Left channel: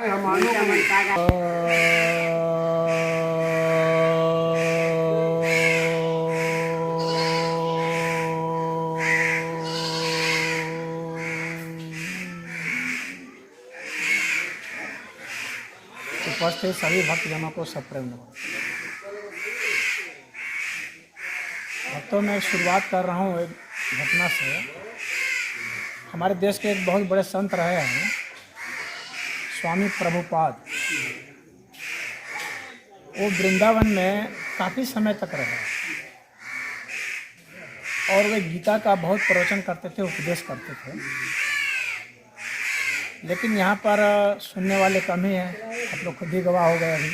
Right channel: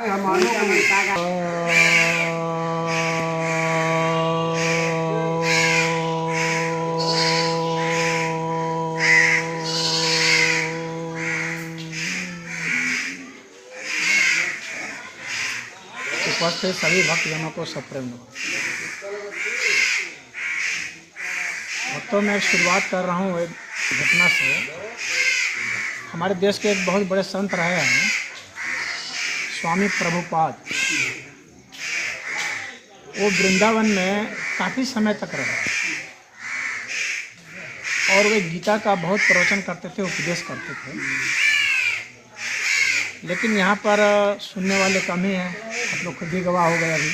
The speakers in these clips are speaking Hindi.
उपस्थित सभी भक्तजनों को सप्रेम भक्तों में शुरुआत कर रहा हूँ एक घटना से। हमारे देश के एक बहुत बड़े संत रहे हैं स्वामी प्रभुपाद। वो वृंदावन में काफ़ी समय तक रहे और वे गीता का बहुत प्रवचन करते थे, उपदेश करते थे। लेकिन यहाँ पर सुनने वाले कम ही हैं, आप लोग खुद ही गवाह हो गए अभी।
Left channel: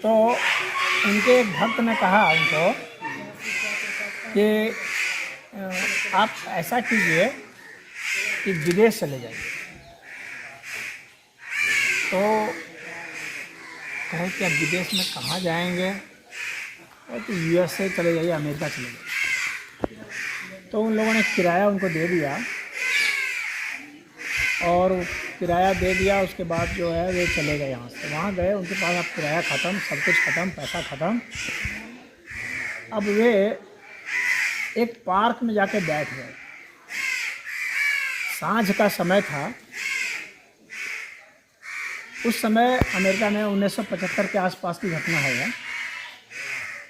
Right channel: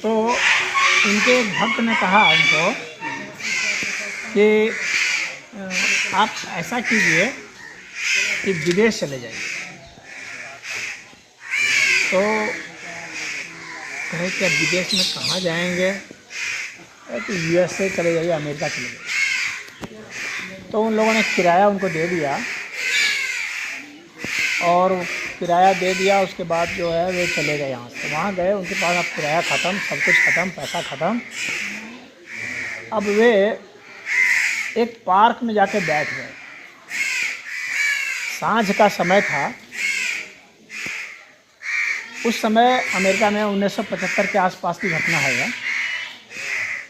तो उनके एक भक्त ने कहा उनको कि आप ऐसा कीजिए कि विदेश चले जाइए। तो कहे कि अब विदेश में कहाँ जाएंगे? तो USA चले जाइए, अमेरिका चले जाइए। तो उन लोगों ने किराया उनको दे दिया और किराया दे दिया। उसके बाद जो है वे चले गए यहाँ से। वहाँ गए, उनके पास अब किराया ख़त्म, सब कुछ ख़त्म, पैसा ख़त्म। अब वे एक पार्क में जाके बैठ गए। सांझ का समय था। उस समय अमेरिका में 1975 के आसपास की घटना है यह।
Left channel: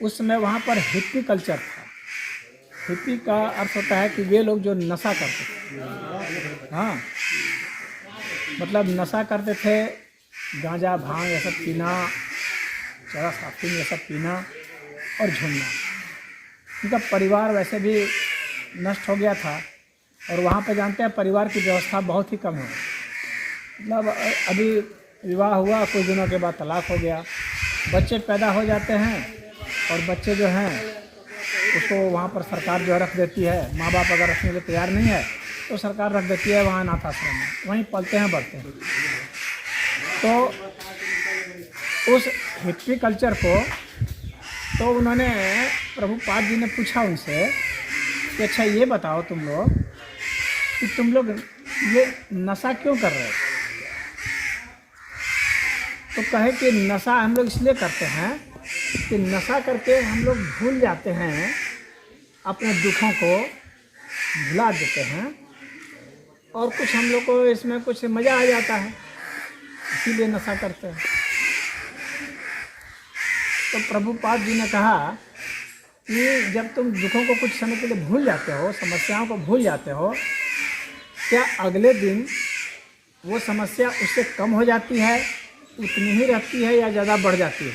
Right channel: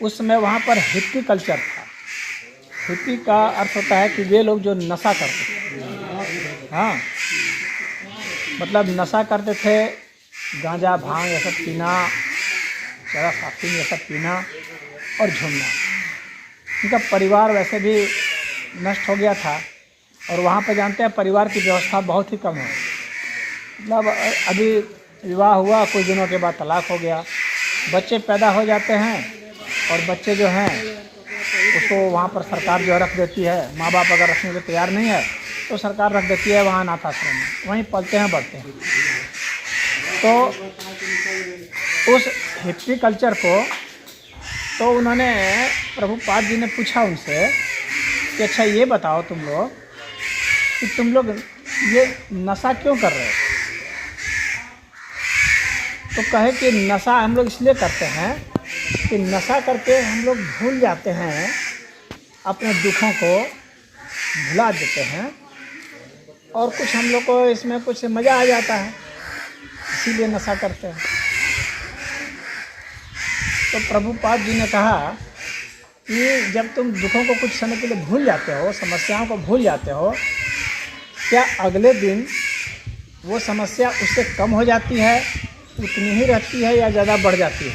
उस समय वहाँ पर हिप्पी कल्चर था। हिप्पी का अर्थ होता है कि वे लोग जो नशा करते थे, हाँ, मतलब नशा करते थे, गांजा भांग ये सब पीना, चरस अफीम ये सब पीना और झूमना। उनका परिवार वैसे भी नष्ट हो गया था और वहाँ पर जानते हैं परिवार की व्यवस्था बहुत ही कम है। मतलब अभी विवाह हुआ, कुछ दिनों के बाद तलाक हो गया, बच्चे पैदा हो जाते हैं और बच्चे जो हैं उसको वहाँ पर सरकार जो रख देती है। माँ बाप अगर रखने के तैयार नहीं है तो सरकार रख देती है वहाँ अनाथ आश्रम में, वहीं पलते हैं बढ़ते हैं। तो उस हिप्पी कल्चर को तो उन्होंने प्रभुपाद जी ने पूछा उनसे कि अच्छा ये बताओ तुम लोग कि तुम लोग ये नशा क्यों कर रहे हो? तो कहे कि नशा हम लोग इसलिए करते हैं कि नशा करके हम लोग भूल जाते हैं, अपने दुखों को भुला देते हैं और कुछ हम लोग को इसमें कुछ मज़ा आ जाता है, इसीलिए नशा करते हैं। तो प्रभुपाद जी ने कहा कि जब तुम दुखों को कुछ समय के लिए भूल जाते हो, समस्याओं को भूल जाते हो, क्या अगले दिन वो समस्या उससे कम हो जाती है, उतनी ही रहती है या ज़्यादा बढ़ जाती है?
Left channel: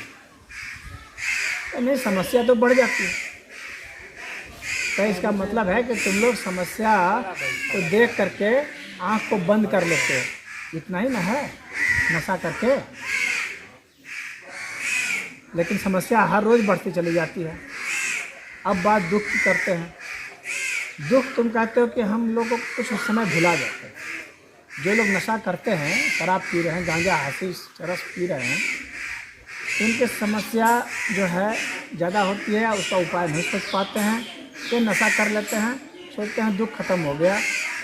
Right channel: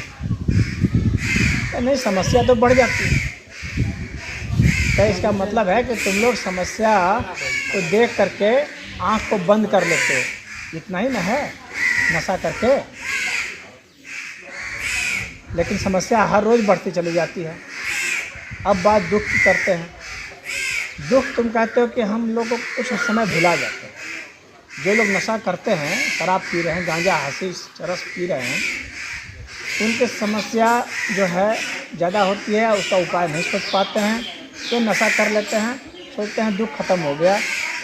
नहीं, समस्या तो बढ़ जाती है। तो इसका मतलब है कि तुम लोग समस्या को देख करके आँख को बंद कर लेते हो, इतना ही ना है नशा करके। लेकिन समस्या हर रोज़ बढ़ती चली जाती है। अब बात दुख की करते हैं। दुख तुम कहते हो कि हम लोग को कुछ समय भुला जाते हैं। जो लोग नशा करते हैं, शराब पी रहे हैं, गांजा हशीश चरस पी रहे हैं, उनकी समस्या जो है ज़्यादा होती है, उसका उपाय नहीं सोच पाते हैं। तो नशा कर लेते हैं, सोचते हैं दुख खत्म हो गया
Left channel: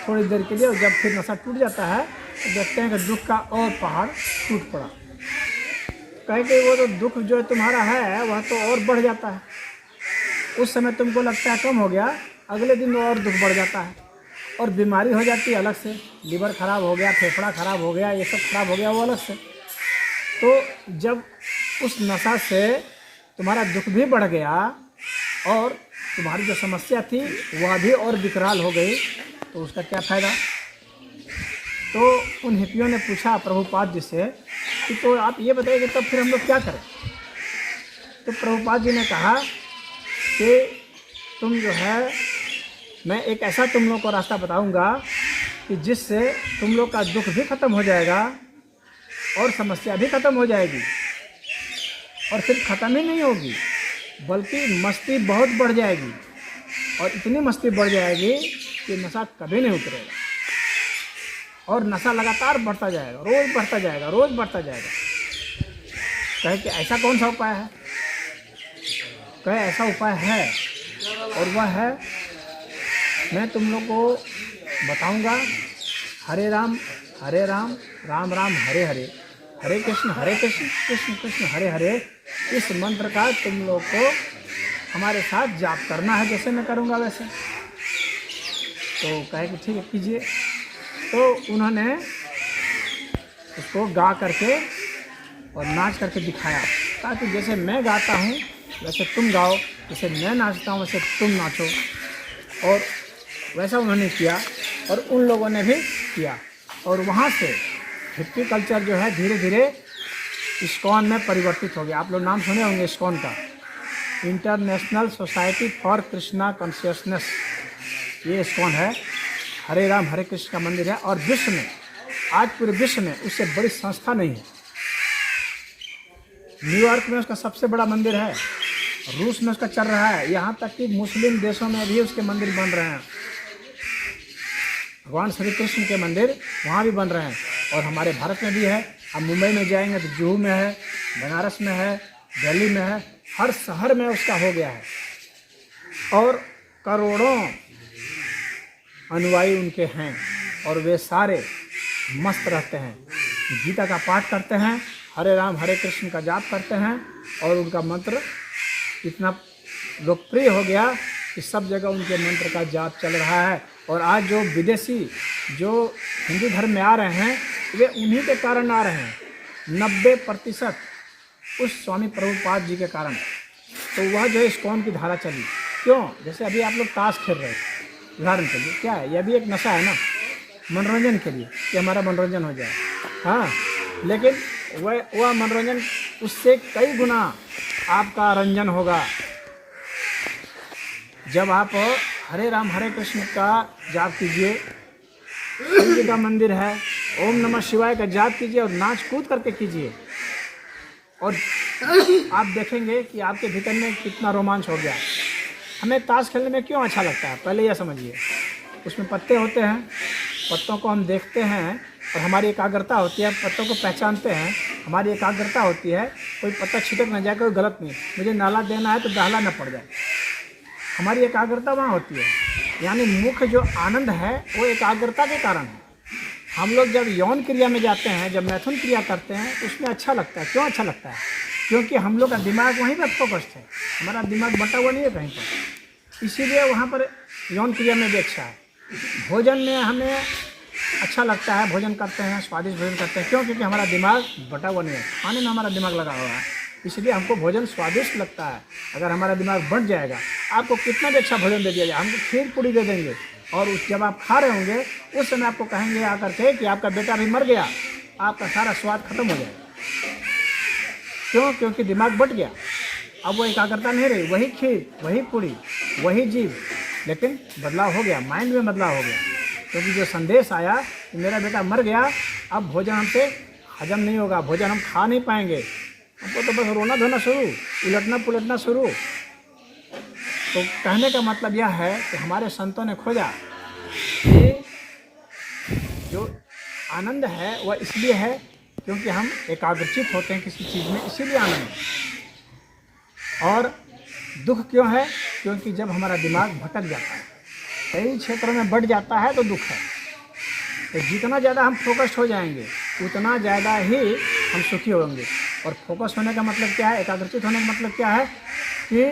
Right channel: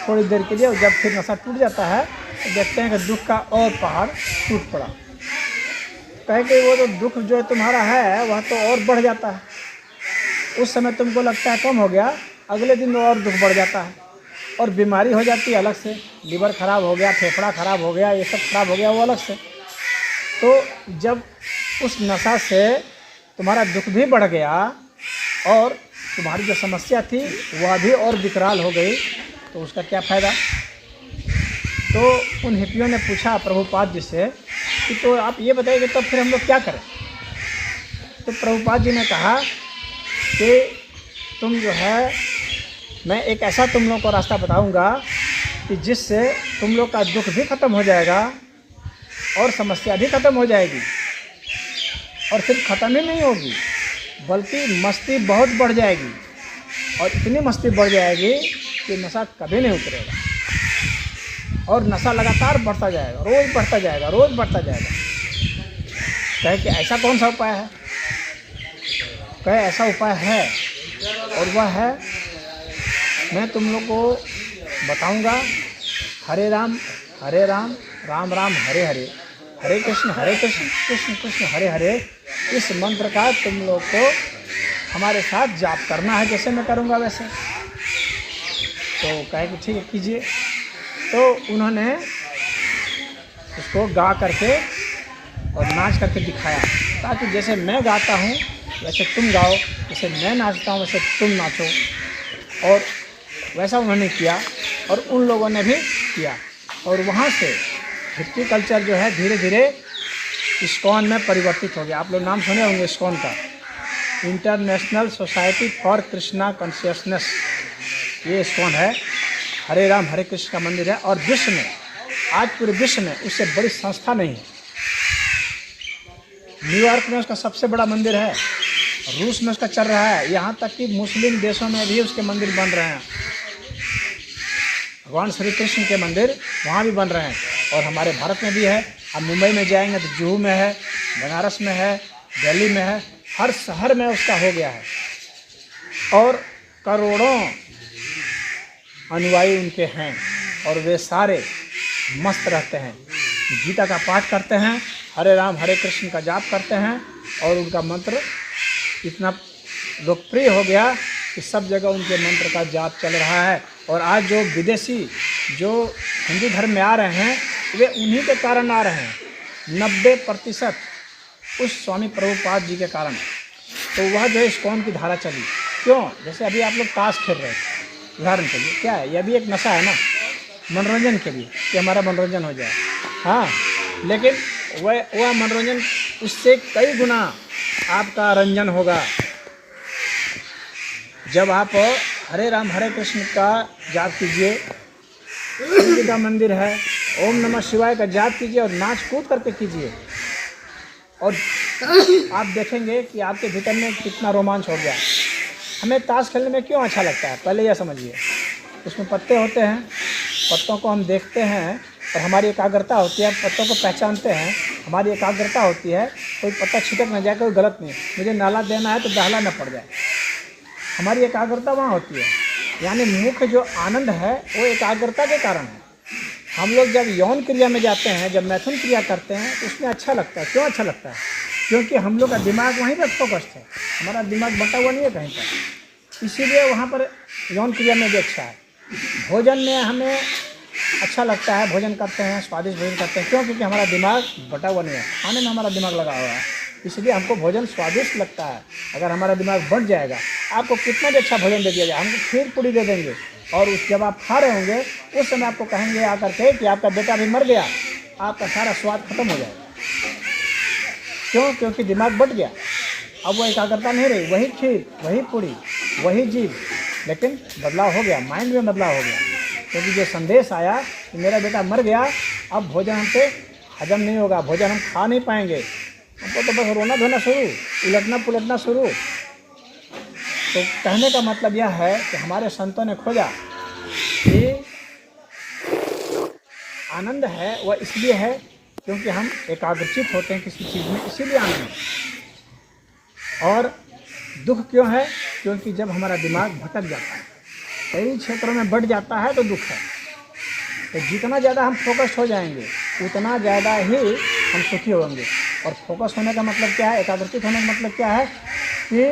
थोड़ी देर के लिए, और जब फिर नशा टूट जाता है तो देखते हैं कि दुख का और पहाड़ टूट पड़ा। कहे कि वो तो दुख जो तुम्हारा है वह तो और बढ़ जाता है। उस समय तुमको लगता है कम हो गया, अगले दिन और दुख बढ़ जाता है और बीमारी हो जाती है अलग से। लीवर ख़राब हो गया, फेफड़ा ख़राब हो गया, ये सब खराब हो गया वो अलग से। तो जब उस नशा से तुम्हारा दुख भी बढ़ गया और तुम्हारी जो समस्या थी वह भी और विकराल हो गई, तो उसका क्या फ़ायदा? तो उन हिप्पियों ने पूछा प्रभुपाद जी से कि तो आप ये बताइए तब फिर हम लोग क्या करें? तो प्रभुपाद जी ने कहा कि तुम जो है, मैं एक ऐसा तुम लोग को रास्ता बताऊंगा कि जिससे तुम लोग का दुख भी ख़त्म हो जाएगा और समस्या भी ख़त्म हो जाएगी। और फिर ख़त्म ही नहीं होगी बल्कि मस्ती बहुत बढ़ जाएगी, और इतनी मस्ती बढ़ जाएगी कि नशा कभी नहीं उतरेगा और नशा लगातार बढ़ता जाएगा, रोज़ बढ़ता जाएगा, रोज़ बढ़ता जाएगा। कहे कि ऐसा कौन सा उपाय है? कहे ऐसा उपाय है और वह है, मैं तुम लोग को बताऊंगा, हरे राम राम राम हरे हरे, हरे कृष्ण कृष्ण कृष्ण हरे हरे, इस मंत्र का तुम लोग को हमारे साथ जाप करना है, जैसे मैं करूँगा वैसे। तो कहे कि ठीक है कीजिए। तो उन्होंने उसको गा करके और नाच करके दिखाया, ताकि जैसे मैं गाता हूँ वैसे तुम गाओ, जैसे मैं नाचता हूँ वैसे तुम नाचो। और वैसा उन्होंने किया और उन लोगों ने भी किया, और वहाँ से हिप्पी कल्चर जो है धीरे धीरे इस्कॉन में परिवर्तित हो गया। आप लोग नाम सुने होंगे इस्कॉन का, international society for Krishna consciousness, ये इस्कॉन है। हरे राम हरे कृष्ण का मंदिर है, और विश्व में आज पूरे विश्व में उससे बड़ी संस्था नहीं है। न्यूयॉर्क में उसका सबसे बड़ा मंदिर है, रूस में उसका चल रहा है, यहाँ तक कि मुस्लिम देशों में भी उसके मंदिर बन रहे हैं। भगवान श्री कृष्ण के मंदिर वहाँ भी बन रहे हैं, और हमारे भारत में भी है। अब मुंबई में जाएंगे तो जुहू में है, बनारस में है, दिल्ली में है, हर शहर में उसका हो गया है, और करोड़ों अनुयायी उनके हैं, और वे सारे मस्त रहते हैं, गीता का पाठ करते हैं, हरे राम हरे कृष्ण का जाप करते हैं, और उनका मंत्र इतना लोकप्रिय हो गया कि सब जगह उनके मंत्र का जाप चल रहा है। और आज जो विदेशी जो हिंदू धर्म में आ रहे हैं, वे उन्हीं के कारण आ रहे हैं, 90% उस स्वामी प्रभुपाद जी के कारण। तो वह जो इस्कॉन की धारा चली, क्यों? जैसे अभी आप लोग ताश खेल रहे हैं, उदाहरण के लिए, क्या है, यह भी एक नशा है ना, मनोरंजन के लिए, कि हमारा मनोरंजन हो जाए। हाँ, लेकिन वह मनोरंजन उससे कई गुना आपका रंजन होगा जब आप हरे राम हरे कृष्ण का जाप कीजिए, शिव जी का मंदिर है, ओम नमः शिवाय का जाप कीजिए और नाच कूद करके कीजिए, और आप देखेंगे कि आपके भीतर में कितना रोमांच हो गया। हमें ताश खेलने में क्यों अच्छा लगता है, पहले यह समझिए। उसमें पत्ते होते हैं, पत्तों को हम देखते हैं और हमारी एकाग्रता होती है, पत्तों को पहचानते हैं, हमारी एकाग्रता होती है, कोई पत्ता छिटक न जाए, कोई गलत नहीं, मुझे नाला देना है तो दहला न पड़ जाए, हमारी एकाग्रता वहाँ होती है। यानी मुख्य जो आनंद है वो एकाग्रता के कारण है। हम लोग जब यौन क्रिया में जाते हैं, जब मैथुन क्रिया करते हैं, तो उसमें अच्छा लगता है। क्यों अच्छा लगता है? क्योंकि हम लोग का दिमाग वहीं पर फोकस्ड है, हमारा दिमाग बटा हुआ नहीं है कहीं पर, इसीलिए वहाँ पर यौन क्रिया में भी अच्छा है। भोजन में हमें अच्छा लगता है, भोजन करते हैं, स्वादिष्ट भोजन करते हैं, क्यों? क्योंकि हमारा दिमाग बटा हुआ नहीं है, खाने में हमारा दिमाग लगा हुआ है, इसलिए हमको भोजन स्वादिष्ट लगता है। अगर हमारा दिमाग बट जाएगा, आपको कितना भी अच्छा भोजन दे दिया जाए, हमको खीर पूड़ी दे देंगे, और जब आप खा रहे होंगे उस समय आपको कहेंगे आकर के कि आपका बेटा भी मर गया, आपका सारा स्वाद खत्म हो जाएगा। क्यों? क्योंकि दिमाग बट गया, अब वो एकाग्रता नहीं रही, वही खीर, वही पूड़ी, वही जीव, लेकिन बदलाव हो गया, माइंड में बदलाव हो गया, क्योंकि जो संदेश आया कि मेरा बेटा मर गया, अब भोजन हमसे हजम नहीं होगा, भोजन हम खा नहीं पाएंगे, हमको तो बस रोना धोना शुरू, उलटना पुलटना शुरू। तो कहने का मतलब यह है कि हमारे संतों ने खोजा कि आनंद है वह इसलिए है क्योंकि हम एकाग्रचित होते हैं किसी चीज़ में, इसीलिए आनंद है। और दुख क्यों है? क्योंकि जब हमारा दिमाग भटक जाता है, कई क्षेत्रों में बढ़ जाता है, तो दुख है। तो जितना ज़्यादा हम फोकस हो जाएंगे उतना ज़्यादा ही हम सुखी होंगे। और फोकस होने का मतलब क्या है, एकाग्रचित होने का मतलब क्या है कि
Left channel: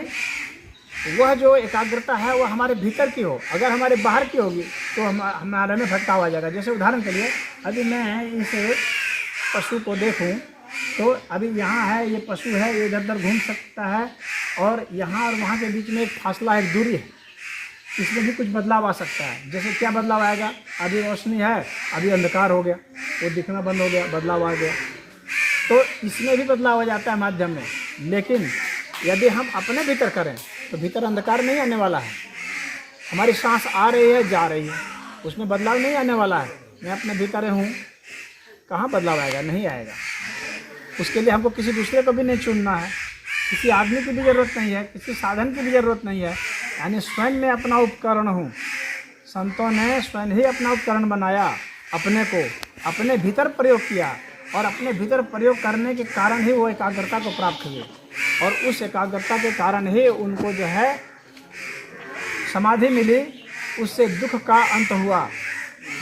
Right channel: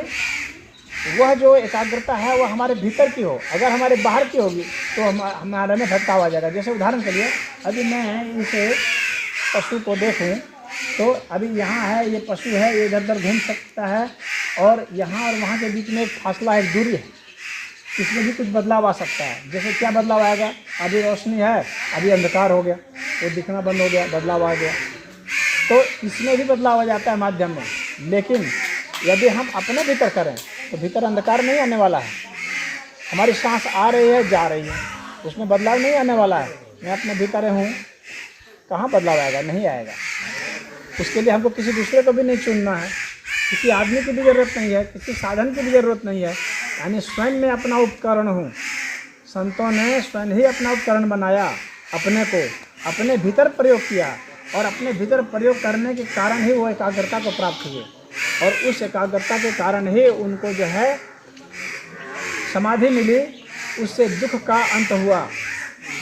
वह जो एकाग्रता है वह हमारे भीतर की हो। अगर हमारे बाहर की होगी तो हमारे में भटकाव आ जाएगा। जैसे उदाहरण के लिए, अभी मैं इस पशु को देखूं तो अभी यहाँ है, ये पशु है, ये इधर उधर घूम सकता है, और यहाँ और वहाँ के बीच में एक फासला है, एक दूरी है, इसमें भी कुछ बदलाव आ सकता है। जैसे क्या बदलाव आएगा, अभी रोशनी है, अभी अंधकार हो गया, वो दिखना बंद हो गया, बदलाव आ गया, तो इसमें भी बदलाव आ जाता है माध्यम में। लेकिन यदि हम अपने भीतर करें तो भीतर अंधकार नहीं आने वाला है। हमारी सांस आ रही है, जा रही है, उसमें बदलाव नहीं आने वाला है। मैं अपने भीतर हूँ, कहाँ बदलाव आएगा? नहीं आएगा। उसके लिए हमको किसी दूसरे को भी नहीं चुनना है, किसी आदमी की भी ज़रूरत नहीं है, किसी साधन की भी ज़रूरत नहीं है। यानी स्वयं में अपना उपकरण हूँ। संतों ने स्वयं ही अपना उपकरण बनाया, अपने को अपने भीतर प्रयोग किया, और अपने भीतर प्रयोग करने के कारण ही वो एकाग्रता को प्राप्त हुए, और उस एकाग्रता के कारण ही उनको जो है समाधि मिली, उससे दुख का अंत हुआ,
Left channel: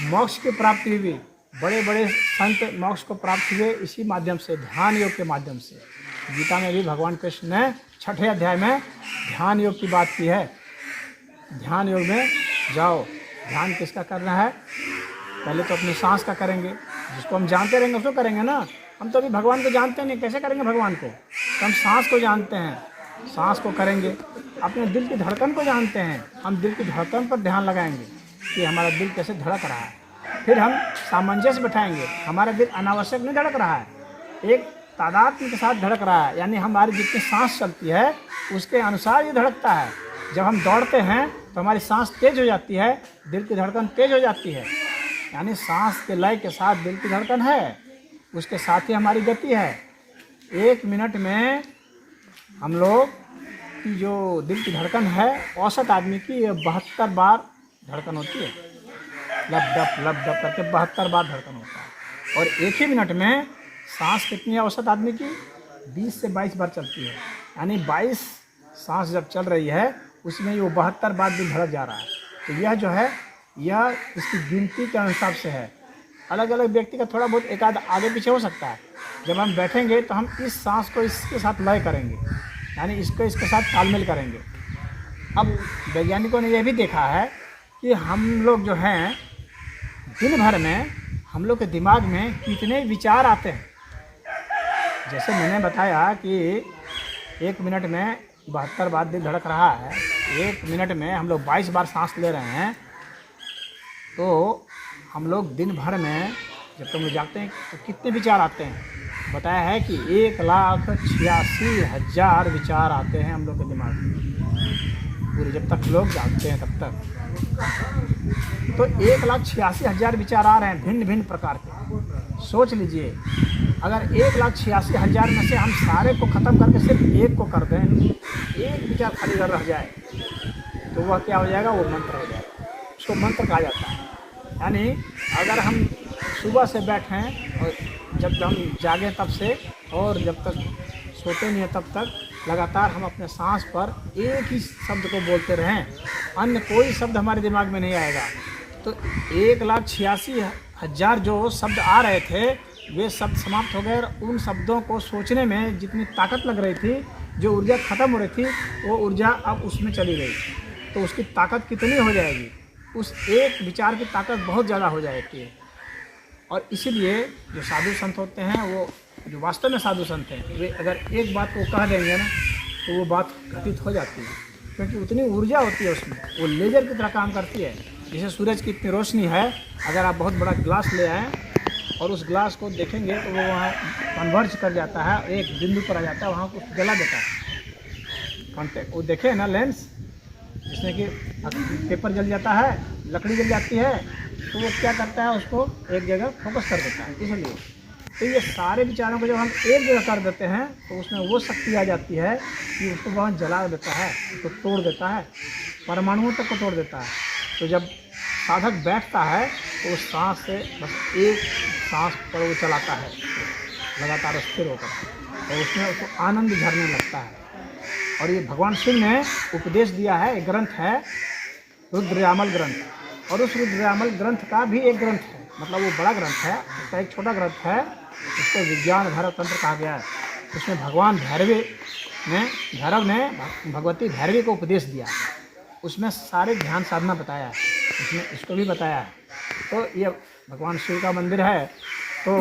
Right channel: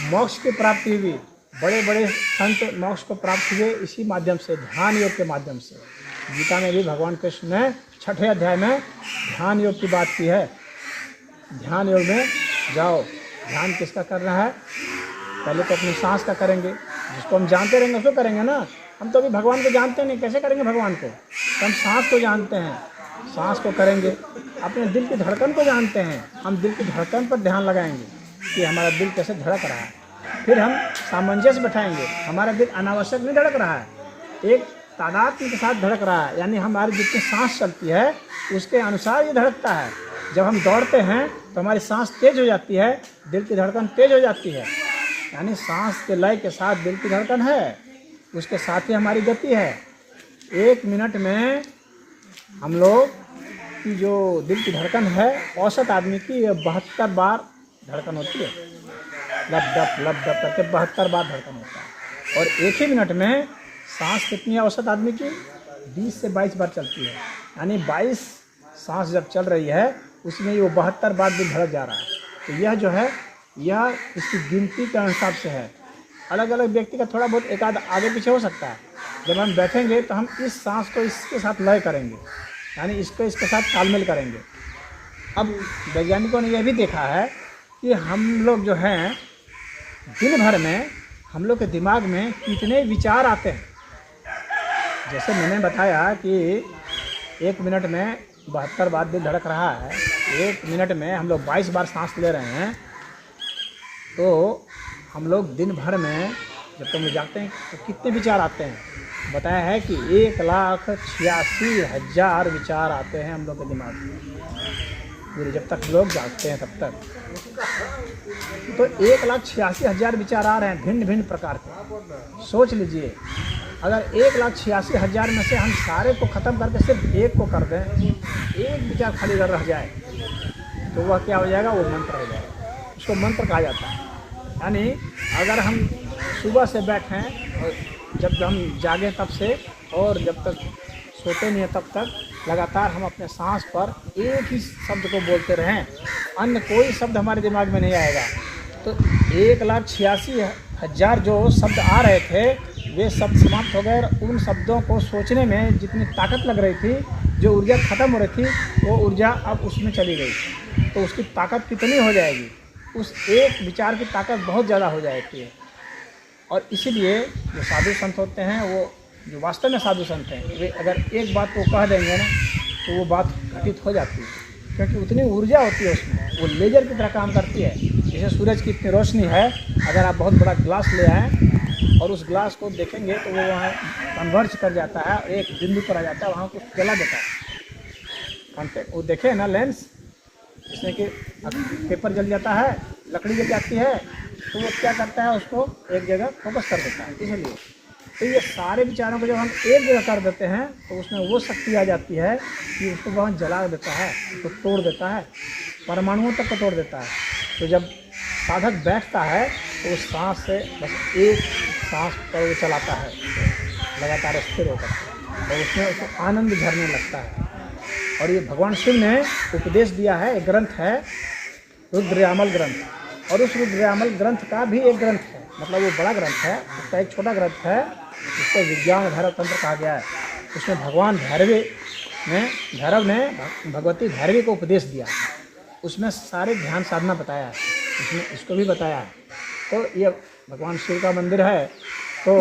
मोक्ष की प्राप्ति हुई। बड़े बड़े संत मोक्ष को प्राप्त हुए इसी माध्यम से, ध्यान योग के माध्यम से। गीता में भी भगवान कृष्ण ने 6ठे अध्याय में ध्यान योग की बात की है। ध्यान योग में जाओ। ध्यान किसका करना है? पहले तो अपनी सांस का करेंगे, जिसको हम जानते रहेंगे उसको करेंगे ना। हम तो अभी भगवान को जानते नहीं, कैसे करेंगे भगवान को? तो हम सांस को जानते हैं, सांस को करेंगे। अपने दिल की धड़कन को जानते हैं, हम दिल की धड़कन पर ध्यान लगाएंगे कि हमारा दिल कैसे धड़क रहा है। फिर हम सामंजस्य बैठाएंगे, हमारा दिल अनावश्यक नहीं धड़क रहा है, एक तादात्म्य के साथ धड़क रहा है, यानी हमारी जितनी सांस चलती है उसके अनुसार ये धड़कता है। जब हम दौड़ते हैं तो हमारी सांस तेज हो जाती है, दिल की धड़कन तेज हो जाती है, यानी सांस के लय के साथ दिल की धड़कन है, उसके साथ ही हमारी गति है। 1 मिनट में हम लोग की जो दिल की धड़कन है, औसत आदमी की 72 बार धड़कन होती है। लब डप करके 72 बार धड़कन होता है। और 1 ही मिनट में सांस कितनी है औसत आदमी की? 20 से 22 बार चलती है, यानी 22 सांस जब चल रही है उसमें वो 72 बार दिल धड़क जा रहा है। तो यह जो है, यह इसकी गिनती के अनुसार से है। अलग अलग व्यक्ति का थोड़ा बहुत एकाध आगे पीछे हो सकता है। जब हम बैठेंगे तो हम इस सांस को इसके साथ लय करेंगे, यानी इसको इसके साथ तालमेल करेंगे। अब वैज्ञानिकों ने यह भी देखा है कि हम लोग जो हैं दिन भर में हम लोग के दिमाग में कितने विचार आते हैं। जैसे मैंने बताया कि 1 मिनट में 72 बार दिल धड़क रहा है, 1 मिनट में हम लोग 22 बार सांस ले रहे हैं, तो हम लोग दिन भर में जब तक जाते हैं तो कितने विचार आते हैं? बताया है कि 1,86,000 विचार आते हैं हम लोग के दिमाग में पूरे, जब तक लोग जागते हैं तब तक। तो 1,86,000 विचार आ रहे हैं भिन्न भिन्न प्रकार के। सोच लीजिए, अगर 1,86,000 में से हम सारे को ख़त्म करके सिर्फ एक को कर दें, एक विचार खाली रह जाए, तो वह क्या हो जाएगा? वो मंत्र हो जाएगा। उसको मंत्र कहा जाता है। यानी अगर हम सुबह से बैठें और जब हम जागें तब से, और जब तक सोते नहीं हैं तब तक लगातार हम अपने सांस पर एक ही शब्द को बोलते रहें, अन्य कोई शब्द हमारे दिमाग में नहीं आएगा। तो 1,86,000 जो शब्द आ रहे थे वे शब्द समाप्त हो गए, और उन शब्दों को सोचने में जितनी ताकत लग रही थी, जो ऊर्जा खत्म हो रही थी, वो ऊर्जा अब उसमें चली गई। तो उसकी ताकत कितनी हो जाएगी? उस एक विचार की ताकत बहुत ज़्यादा हो जाती है। और इसीलिए जो साधु संत होते हैं, वो जो वास्तव में साधु संत हैं, वे अगर एक बात को कह देंगे ना तो वो बात प्रतीत हो जाती है, क्योंकि उतनी ऊर्जा होती है उसमें, वो लेजर की तरह काम करती है। जैसे सूरज की इतनी रोशनी है, अगर आप बहुत बड़ा ग्लास ले आए और उस ग्लास को देखेंगे तो वो वहाँ कन्वर्ज कर जाता है, एक बिंदु पर आ जाता है, वहाँ को जला देता है। कॉन्टेक्ट वो देखे ना, लेंस जिसमें कि पेपर जल जाता है, लकड़ी जल जाती है, तो वो क्या करता है? उसको एक जगह फोकस कर देता है। इसलिए तो ये सारे विचारों को जब हम एक जगह कर देते हैं तो उसमें वो शक्ति आ जाती है कि उसको वहाँ जला देता है, उसको तोड़ देता है, परमाणुओं तक को तोड़ देता है। तो जब साधक बैठता है तो उस सांस से बस एक सांस पर वो चलाता है, लगातार स्थिर होकर, और उसमें उसको आनंद झरने लगता है। और ये भगवान शिव ने उपदेश दिया है। एक ग्रंथ है रुद्रयामल ग्रंथ, और उस रुद्रयामल ग्रंथ का भी एक ग्रंथ है, मतलब ये बड़ा ग्रंथ है, उसका एक छोटा ग्रंथ है, जिसको विज्ञान भैरव तंत्र कहा गया है। उसमें भगवान भैरव ने भगवती भैरवी को उपदेश दिया, उसमें सारे ध्यान साधना बताया है, उसमें इसको भी बताया है। तो ये भगवान शिव का मंदिर है, तो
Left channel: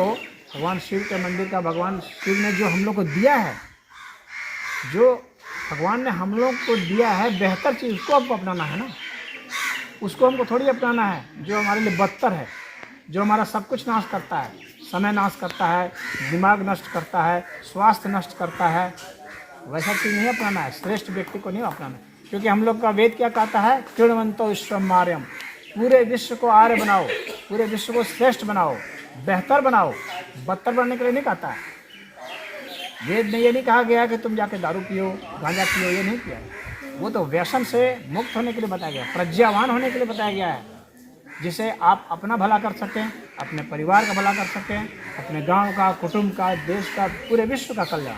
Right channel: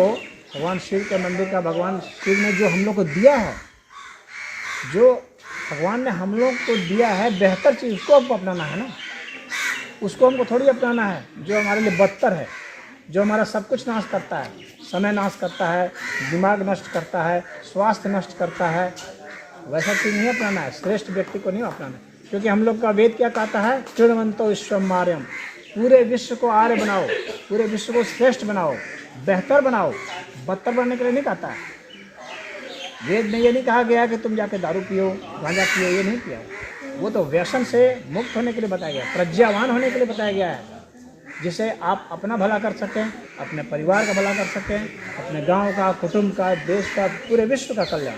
भगवान शिव के मंदिर का भगवान शिव ने जो हम लोग को दिया है, जो भगवान ने हम लोग को दिया है बेहतर चीज़, उसको हमको अपनाना है ना। उसको हमको थोड़ी अपनाना है जो हमारे लिए बदतर है, जो हमारा सब कुछ नाश करता है, समय नाश करता है, दिमाग नष्ट करता है, स्वास्थ्य नष्ट करता है। वैसा चीज़ नहीं अपनाना है, श्रेष्ठ व्यक्ति को नहीं अपनाना है। क्योंकि हम लोग का वेद क्या कहता है? तृणवंतो विश्वम आर्यम, पूरे विश्व को आर्य बनाओ, पूरे विश्व को श्रेष्ठ बनाओ, बेहतर बनाओ। बदतर बनने के लिए नहीं कहता है। वेद में ये नहीं कहा गया कि तुम जाके दारू पियो, गांजा पियो, ये नहीं किया। वो तो व्यसन से मुक्त होने के लिए बताया गया, प्रज्ञावान होने के लिए बताया गया है, जिससे आप अपना भला कर सकें, अपने परिवार का भला कर सकें, अपने गांव का, कुटुंब का, देश का, पूरे विश्व का कल्याण।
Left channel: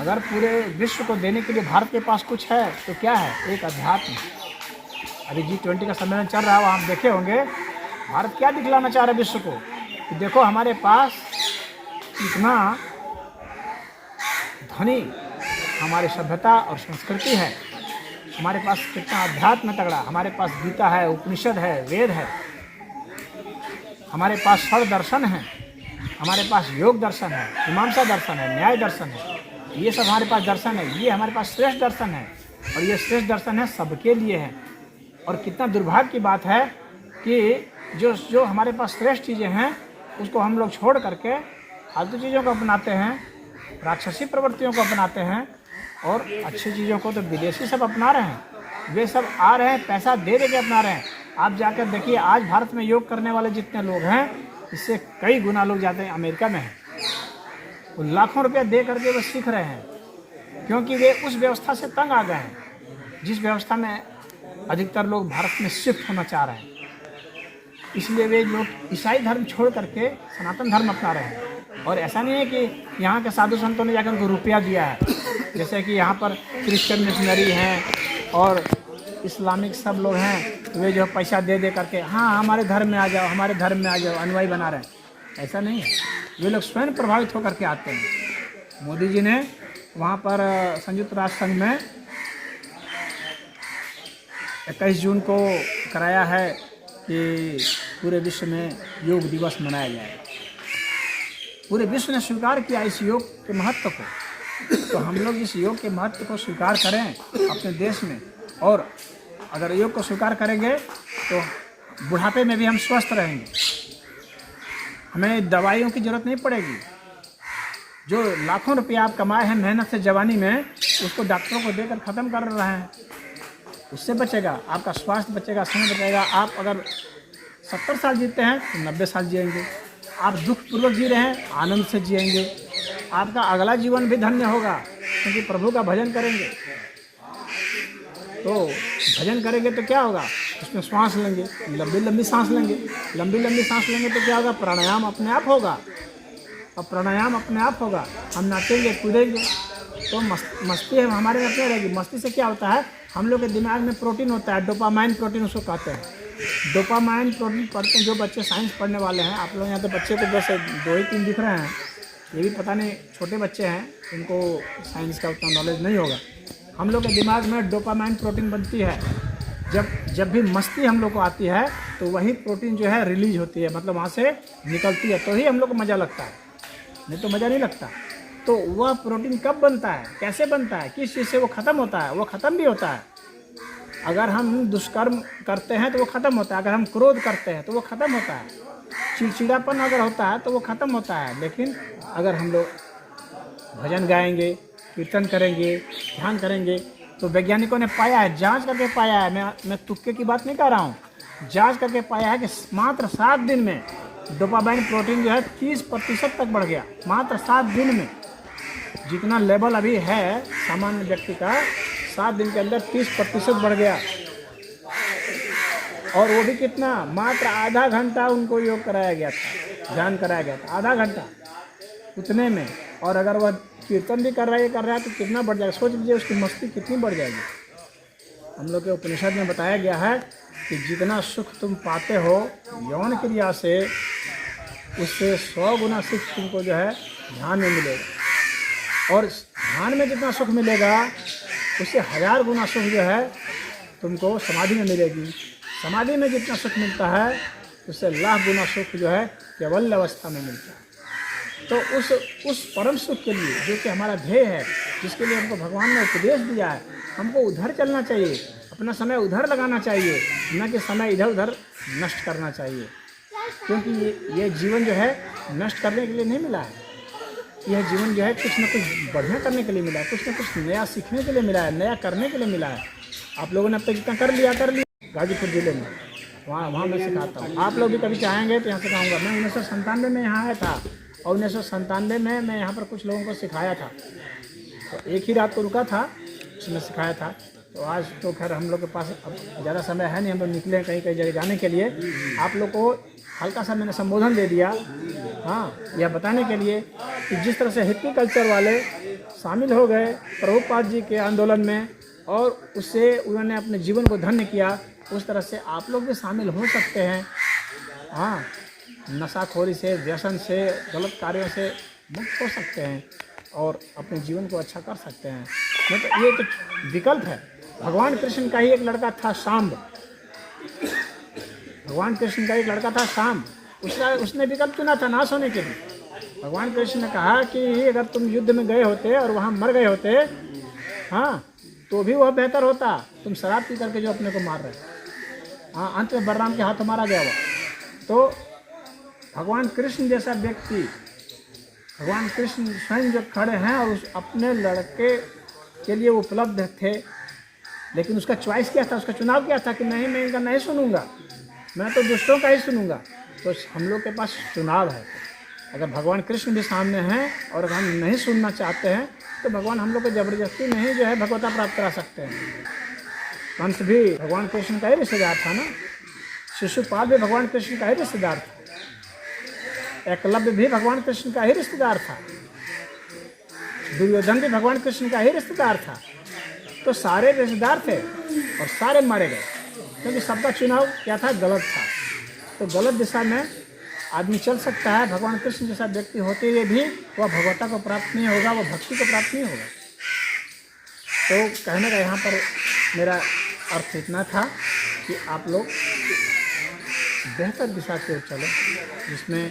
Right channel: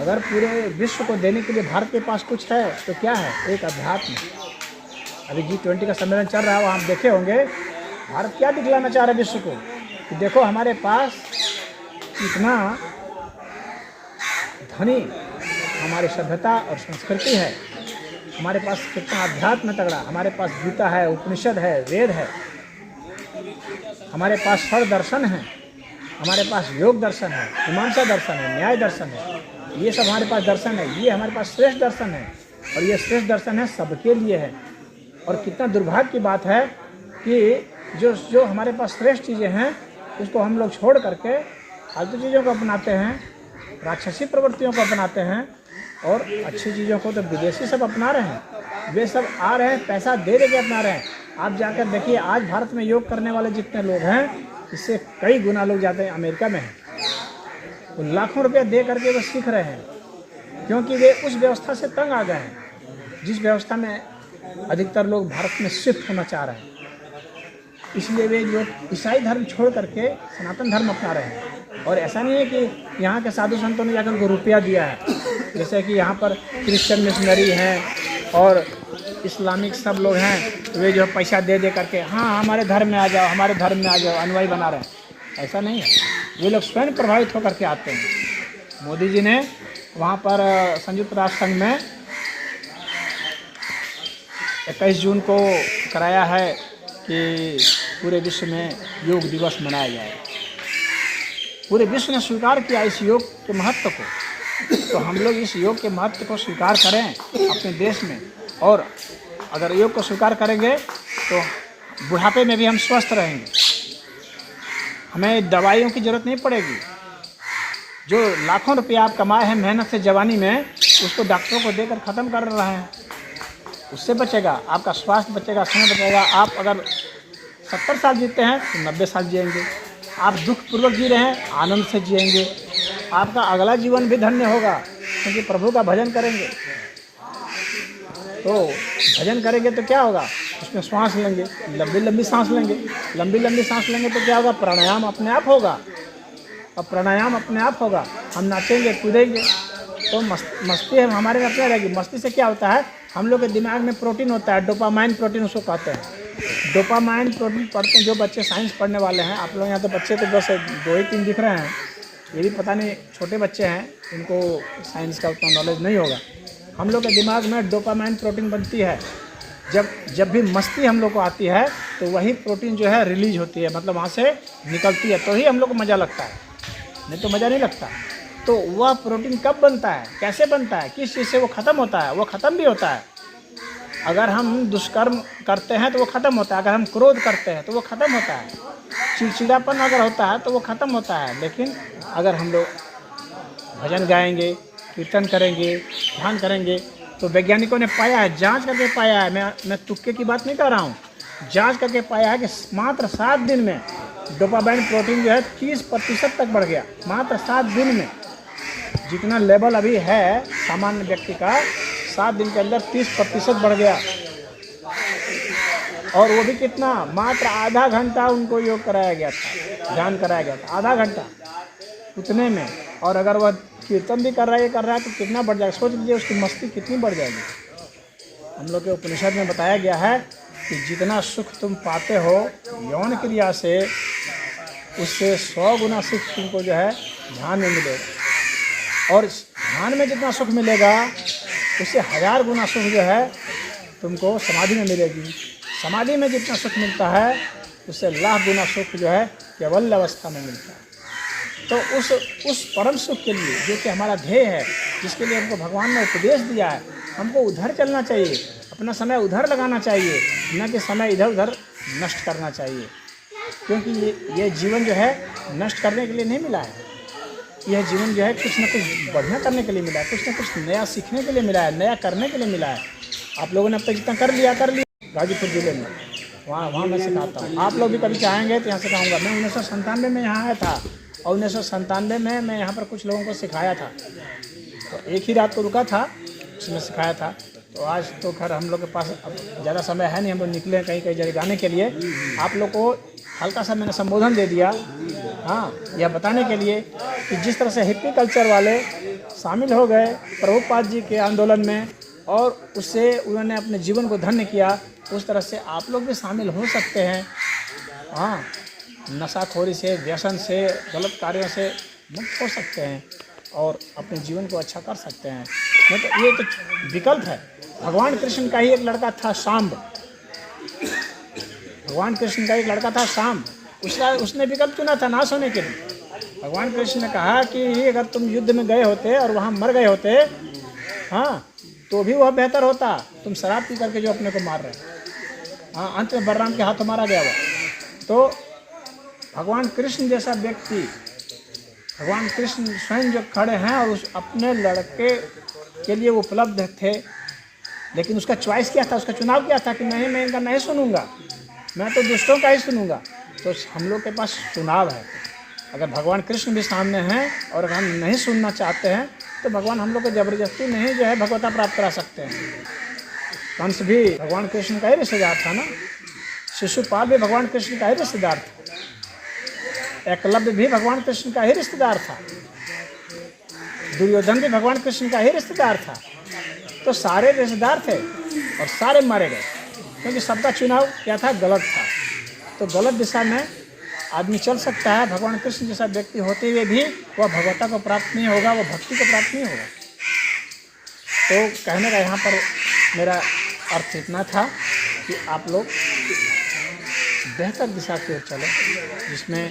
अगर पूरे विश्व को देने के लिए भारत के पास कुछ है तो क्या है? एक अध्यात्म। अभी G20 का सम्मेलन चल रहा है, आप देखे होंगे भारत क्या दिखलाना चाह रहे विश्व को? कि देखो हमारे पास कितना धनी हमारी सभ्यता और संस्कृति है, हमारे पास कितना अध्यात्म तगड़ा, हमारे पास गीता है, उपनिषद है, वेद है, हमारे पास सर्व दर्शन है, हमारे पास योग दर्शन है, मीमांसा दर्शन है, न्याय दर्शन है, ये सब हमारे पास दर्शन है। ये हमारे पास श्रेष्ठ दर्शन है और ये श्रेष्ठ दर्शन है सबके लिए है। और कितना दुर्भाग्य की बात है कि जो हमारे पास श्रेष्ठ चीज़ें हैं उसको हम लोग छोड़ करके फालतू चीज़ों को अपनाते हैं, राक्षसी प्रवृत्तियों को अपनाते हैं, और अच्छी चीज़ों को तो विदेशी सब अपना रहे हैं। वे सब आ रहे हैं, पैसा दे के अपना रहे हैं। आप जाकर देखिए, आज भारत में योग करने वाले जितने लोग हैं, इससे कई गुना लोग जाते हैं अमेरिका में हैं। वो लाखों रुपया दे करके वो सीख रहे हैं, क्योंकि वे उस व्यवस्था से तंग आ गए हैं जिस व्यवस्था में अधिकतर लोग भारत में शिफ्ट होना चाह रहे हैं। इसलिए वे लोग ईसाई धर्म छोड़ करके सनातन धर्म अपना रहे हैं। और ऐसा नहीं है कि यहाँ के साधु संतों ने जाकर उनको रुपया दिया है, जैसे कि यहाँ पर क्रिश्चियन मिशनरी हैं और इस्लामिक सब लोग हैं, वे जो पैसा दे करके हाँ हमारे धर्म में आ जाओ, हमारे धर्म में आ जाओ, अनुयायी बना रहे हैं। ऐसा नहीं है, वे लोग स्वयं प्रभावित होकर के आते हैं। मोदी जी ने वहाँ पर संयुक्त राष्ट्र संघ में 21 जून को कराया है कि पूरे विश्व में योग दिवस मनाया जाए। पूरे विश्व ने स्वीकार किया इस योग के महत्व को, तो हम लोग इस योग के महत्व को स्वीकार करें अपने देश में। और अगर योग को स्वीकार करेंगे तो बुढ़ापे में भी हम स्वस्थ रहेंगे, हमें दवाइयों की ज़रूरत नहीं पड़ेगी। जो लाखों रुपया आप कमाए हैं मेहनत से जवानी में, उसको डॉक्टरों को देकर ख़त्म कर रहे हैं। उससे बचेगा, आपका स्वास्थ्य बचेगा, समय बचेगा। आप अगर 70 साल जीते हैं तो 90 साल जिएंगे। आप दुखपूर्वक जी रहे हैं, आनंद से जिएंगे। आपका अगला जीवन भी धन्य होगा, क्योंकि प्रभु का भजन करेंगे। तो भजन करेंगे तो क्या होगा, उसमें श्वास लेंगे, लंबी लंबी सांस लेंगे। लंबी लंबी सांस लेंगे तो क्या होगा, प्राणायाम अपने आप होगा। और प्राणायाम अपने आप होगा, हम नाचेंगे कूदेंगे तो मस्ती हमारे में क्या रहेगी। मस्ती से क्या होता है, हम लोग के दिमाग में प्रोटीन होता है, डोपामाइन प्रोटीन उसको कहते हैं। डोपामाइन प्रोटीन पढ़ते हैं जो बच्चे साइंस पढ़ने वाले हैं। आप लोग यहाँ तो बच्चे को बस 2-3 दिख रहे हैं, ये भी पता नहीं छोटे बच्चे हैं, इनको साइंस का उतना नॉलेज नहीं होगा। हम लोग के दिमाग में डोपामाइन प्रोटीन बनती है। जब भी मस्ती हम लोग को आती है तो वही प्रोटीन जो है रिलीज होती है, मतलब वहाँ से निकलती है, तो ही हम लोग को मज़ा लगता है, नहीं तो मज़ा नहीं लगता। तो वह प्रोटीन कब बनता है, कैसे बनता है, किस चीज़ से वो ख़त्म होता है, वो ख़त्म भी होता है। अगर हम दुष्कर्म करते हैं तो वो ख़त्म होता है, अगर हम क्रोध करते हैं तो वो ख़त्म होता है, चिड़चिड़ापन अगर होता है तो वो ख़त्म होता है। लेकिन अगर हम लोग भजन गाएंगे, कीर्तन करेंगे, ध्यान करेंगे, तो वैज्ञानिकों ने पाया है, जांच करके पाया है, मैं तुक्के की बात नहीं कर रहा हूँ, जांच करके पाया है कि मात्र 7 दिन में डोपामाइन प्रोटीन जो है 30% तक बढ़ गया। मात्र 7 दिन में जितना लेवल अभी है सामान्य व्यक्ति का, 7 दिन के अंदर 30% बढ़ गया। और वो भी कितना, मात्र आधा घंटा उनको योग कराया गया था, ध्यान कराया गया था, आधा घंटा उतने में। और अगर वह कीर्तन भी कर रहा है तो कितना बढ़ जाएगा, सोच लीजिए उसकी मस्ती कितनी बढ़ जाएगी। हम लोग के उपनिषद में बताया गया है कि जितना सुख तुम पाते हो यौन क्रिया से, उससे 100 गुना सुख तुमको जो है ध्यान में मिलेगा। और ध्यान में जितना सुख मिलेगा उससे 1000 गुना सुख जो है तुमको समाधि में मिलेगी। समाधि में जितना सुख मिलता है उससे लाख गुना सुख जो है केवल अवस्था में मिलता है। तो उस परम सुख के लिए जो कि हमारा ध्येय है, जिसके लिए हमको भगवान ने उपदेश दिया है, हमको उधर चलना चाहिए, अपना समय उधर लगाना चाहिए, न कि समय इधर उधर नष्ट करना चाहिए। क्योंकि ये जीवन जो है नष्ट करने के लिए नहीं मिला है, यह जीवन जो है कुछ न कुछ बढ़िया करने के लिए मिला है, कुछ न कुछ नया सीखने के लिए मिला है, नया करने के लिए मिला है। आप लोगों ने अब तक जितना कर लिया गाजीपुर जिले में, वहाँ मैं सिखाता हूँ। आप लोग भी कभी चाहेंगे तो यहाँ से कहूँगा। मैं 1997 में यहाँ आया था और 1997 में मैं यहाँ पर कुछ लोगों को सिखाया था। तो एक ही रात को रुका था, उसने सिखाया था। तो आज तो खैर हम लोग के पास अब ज़्यादा समय है नहीं, हम लोग निकले कहीं जगह जाने के लिए। आप लोग को हल्का सा मैंने संबोधन दे दिया, हाँ, यह बताने के लिए कि जिस तरह से हिप्पी कल्चर वाले शामिल हो गए प्रभुपाद जी के आंदोलन में और उससे उन्होंने अपने जीवन को धन्य किया, उस तरह से आप लोग भी शामिल हो सकते हैं। हाँ, नशाखोरी से, व्यसन से, गलत कार्यों से मुक्त हो सकते हैं और अपने जीवन को अच्छा कर सकते हैं। नहीं तो ये तो विकल्प है। भगवान कृष्ण का ही एक लड़का था शाम्ब, भगवान कृष्ण का एक लड़का था शाम्ब, उसने विकल्प चुना था नाश होने के लिए। भगवान कृष्ण ने कहा कि अगर तुम युद्ध में गए होते और वहाँ मर गए होते, हाँ, तो भी वह बेहतर होता, तुम शराब पी करके जो अपने को मार रहे हो। हाँ, अंत में बलराम के हाथों मारा गया वो। तो भगवान कृष्ण जैसा व्यक्ति, भगवान कृष्ण स्वयं जो खड़े हैं और उस अपने लड़के के लिए उपलब्ध थे, लेकिन उसका चॉइस क्या था, उसका चुनाव क्या था कि नहीं, मैं इनका नहीं सुनूंगा, मैं तो दुष्टों का ही सुनूंगा। तो हम लोग के पास चुनाव है। अगर भगवान कृष्ण भी सामने हैं और अगर हम नहीं सुनना चाहते हैं तो भगवान हम लोग को जबरदस्ती नहीं जो है भगवता प्राप्त करा सकते हैं। कंस भी भगवान कृष्ण का ही रिश्तेदार था ना, शिशुपाल भी भगवान कृष्ण का ही रिश्तेदार था, एकलव्य भी भगवान कृष्ण का ही रिश्तेदार था, दुर्योधन भी भगवान कृष्ण का ही रिश्तेदार था। तो सारे रिश्तेदार थे और सारे मारे गए, क्योंकि सबका चुनाव क्या था, गलत था। तो गलत दिशा में आदमी चल सकता है। भगवान कृष्ण जैसा व्यक्ति होते हुए भी वह भगवता को प्राप्त नहीं होगा, वह भक्ति को प्राप्त नहीं होगा। तो कहने का यहाँ पर मेरा अर्थ इतना था कि आप लोग बेहतर दिशा की ओर चलो, जिसमें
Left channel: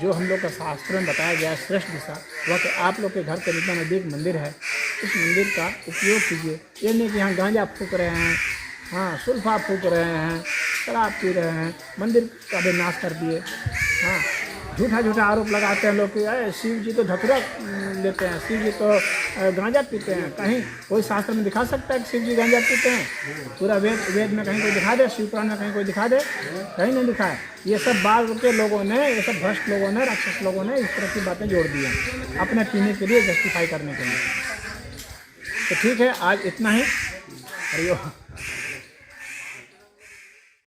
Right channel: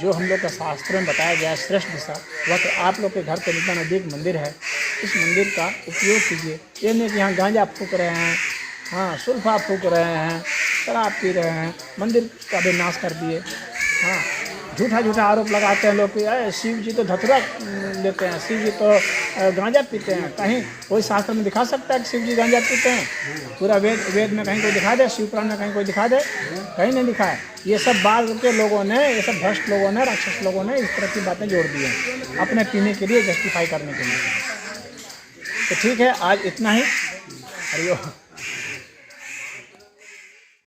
जो हम लोग के शास्त्रों में बताया गया श्रेष्ठ दिशा, या तो आप लोग के घर के नज़दीक मंदिर है, इस मंदिर का उपयोग कीजिए। ये नहीं कि हम गांजा फूक रहे हैं, हाँ, सुल्फा फूक रहे हैं, शराब पी रहे हैं, मंदिर का भी नाश कर दिए। हाँ, झूठा झूठा आरोप लगाते हैं लोग कि शिव जी तो धतूरा लेते हैं, शिव जी तो गांजा पीते हैं। कहीं कोई शास्त्र में दिखा सकता है कि शिव जी गांजा पीते हैं? पूरा वेद में कहीं कोई दिखा दे, शिव पुराण में कहीं कोई दिखा दे? कहीं नहीं दिखा है। ये सब बाद के लोगों ने, ये सब भ्रष्ट लोगों ने, राक्षस लोगों ने इस तरह की बातें जोड़ दी हैं अपने पीने के लिए, जस्टिफाई करने के लिए। तो ठीक है, आज इतना ही। हरिओम।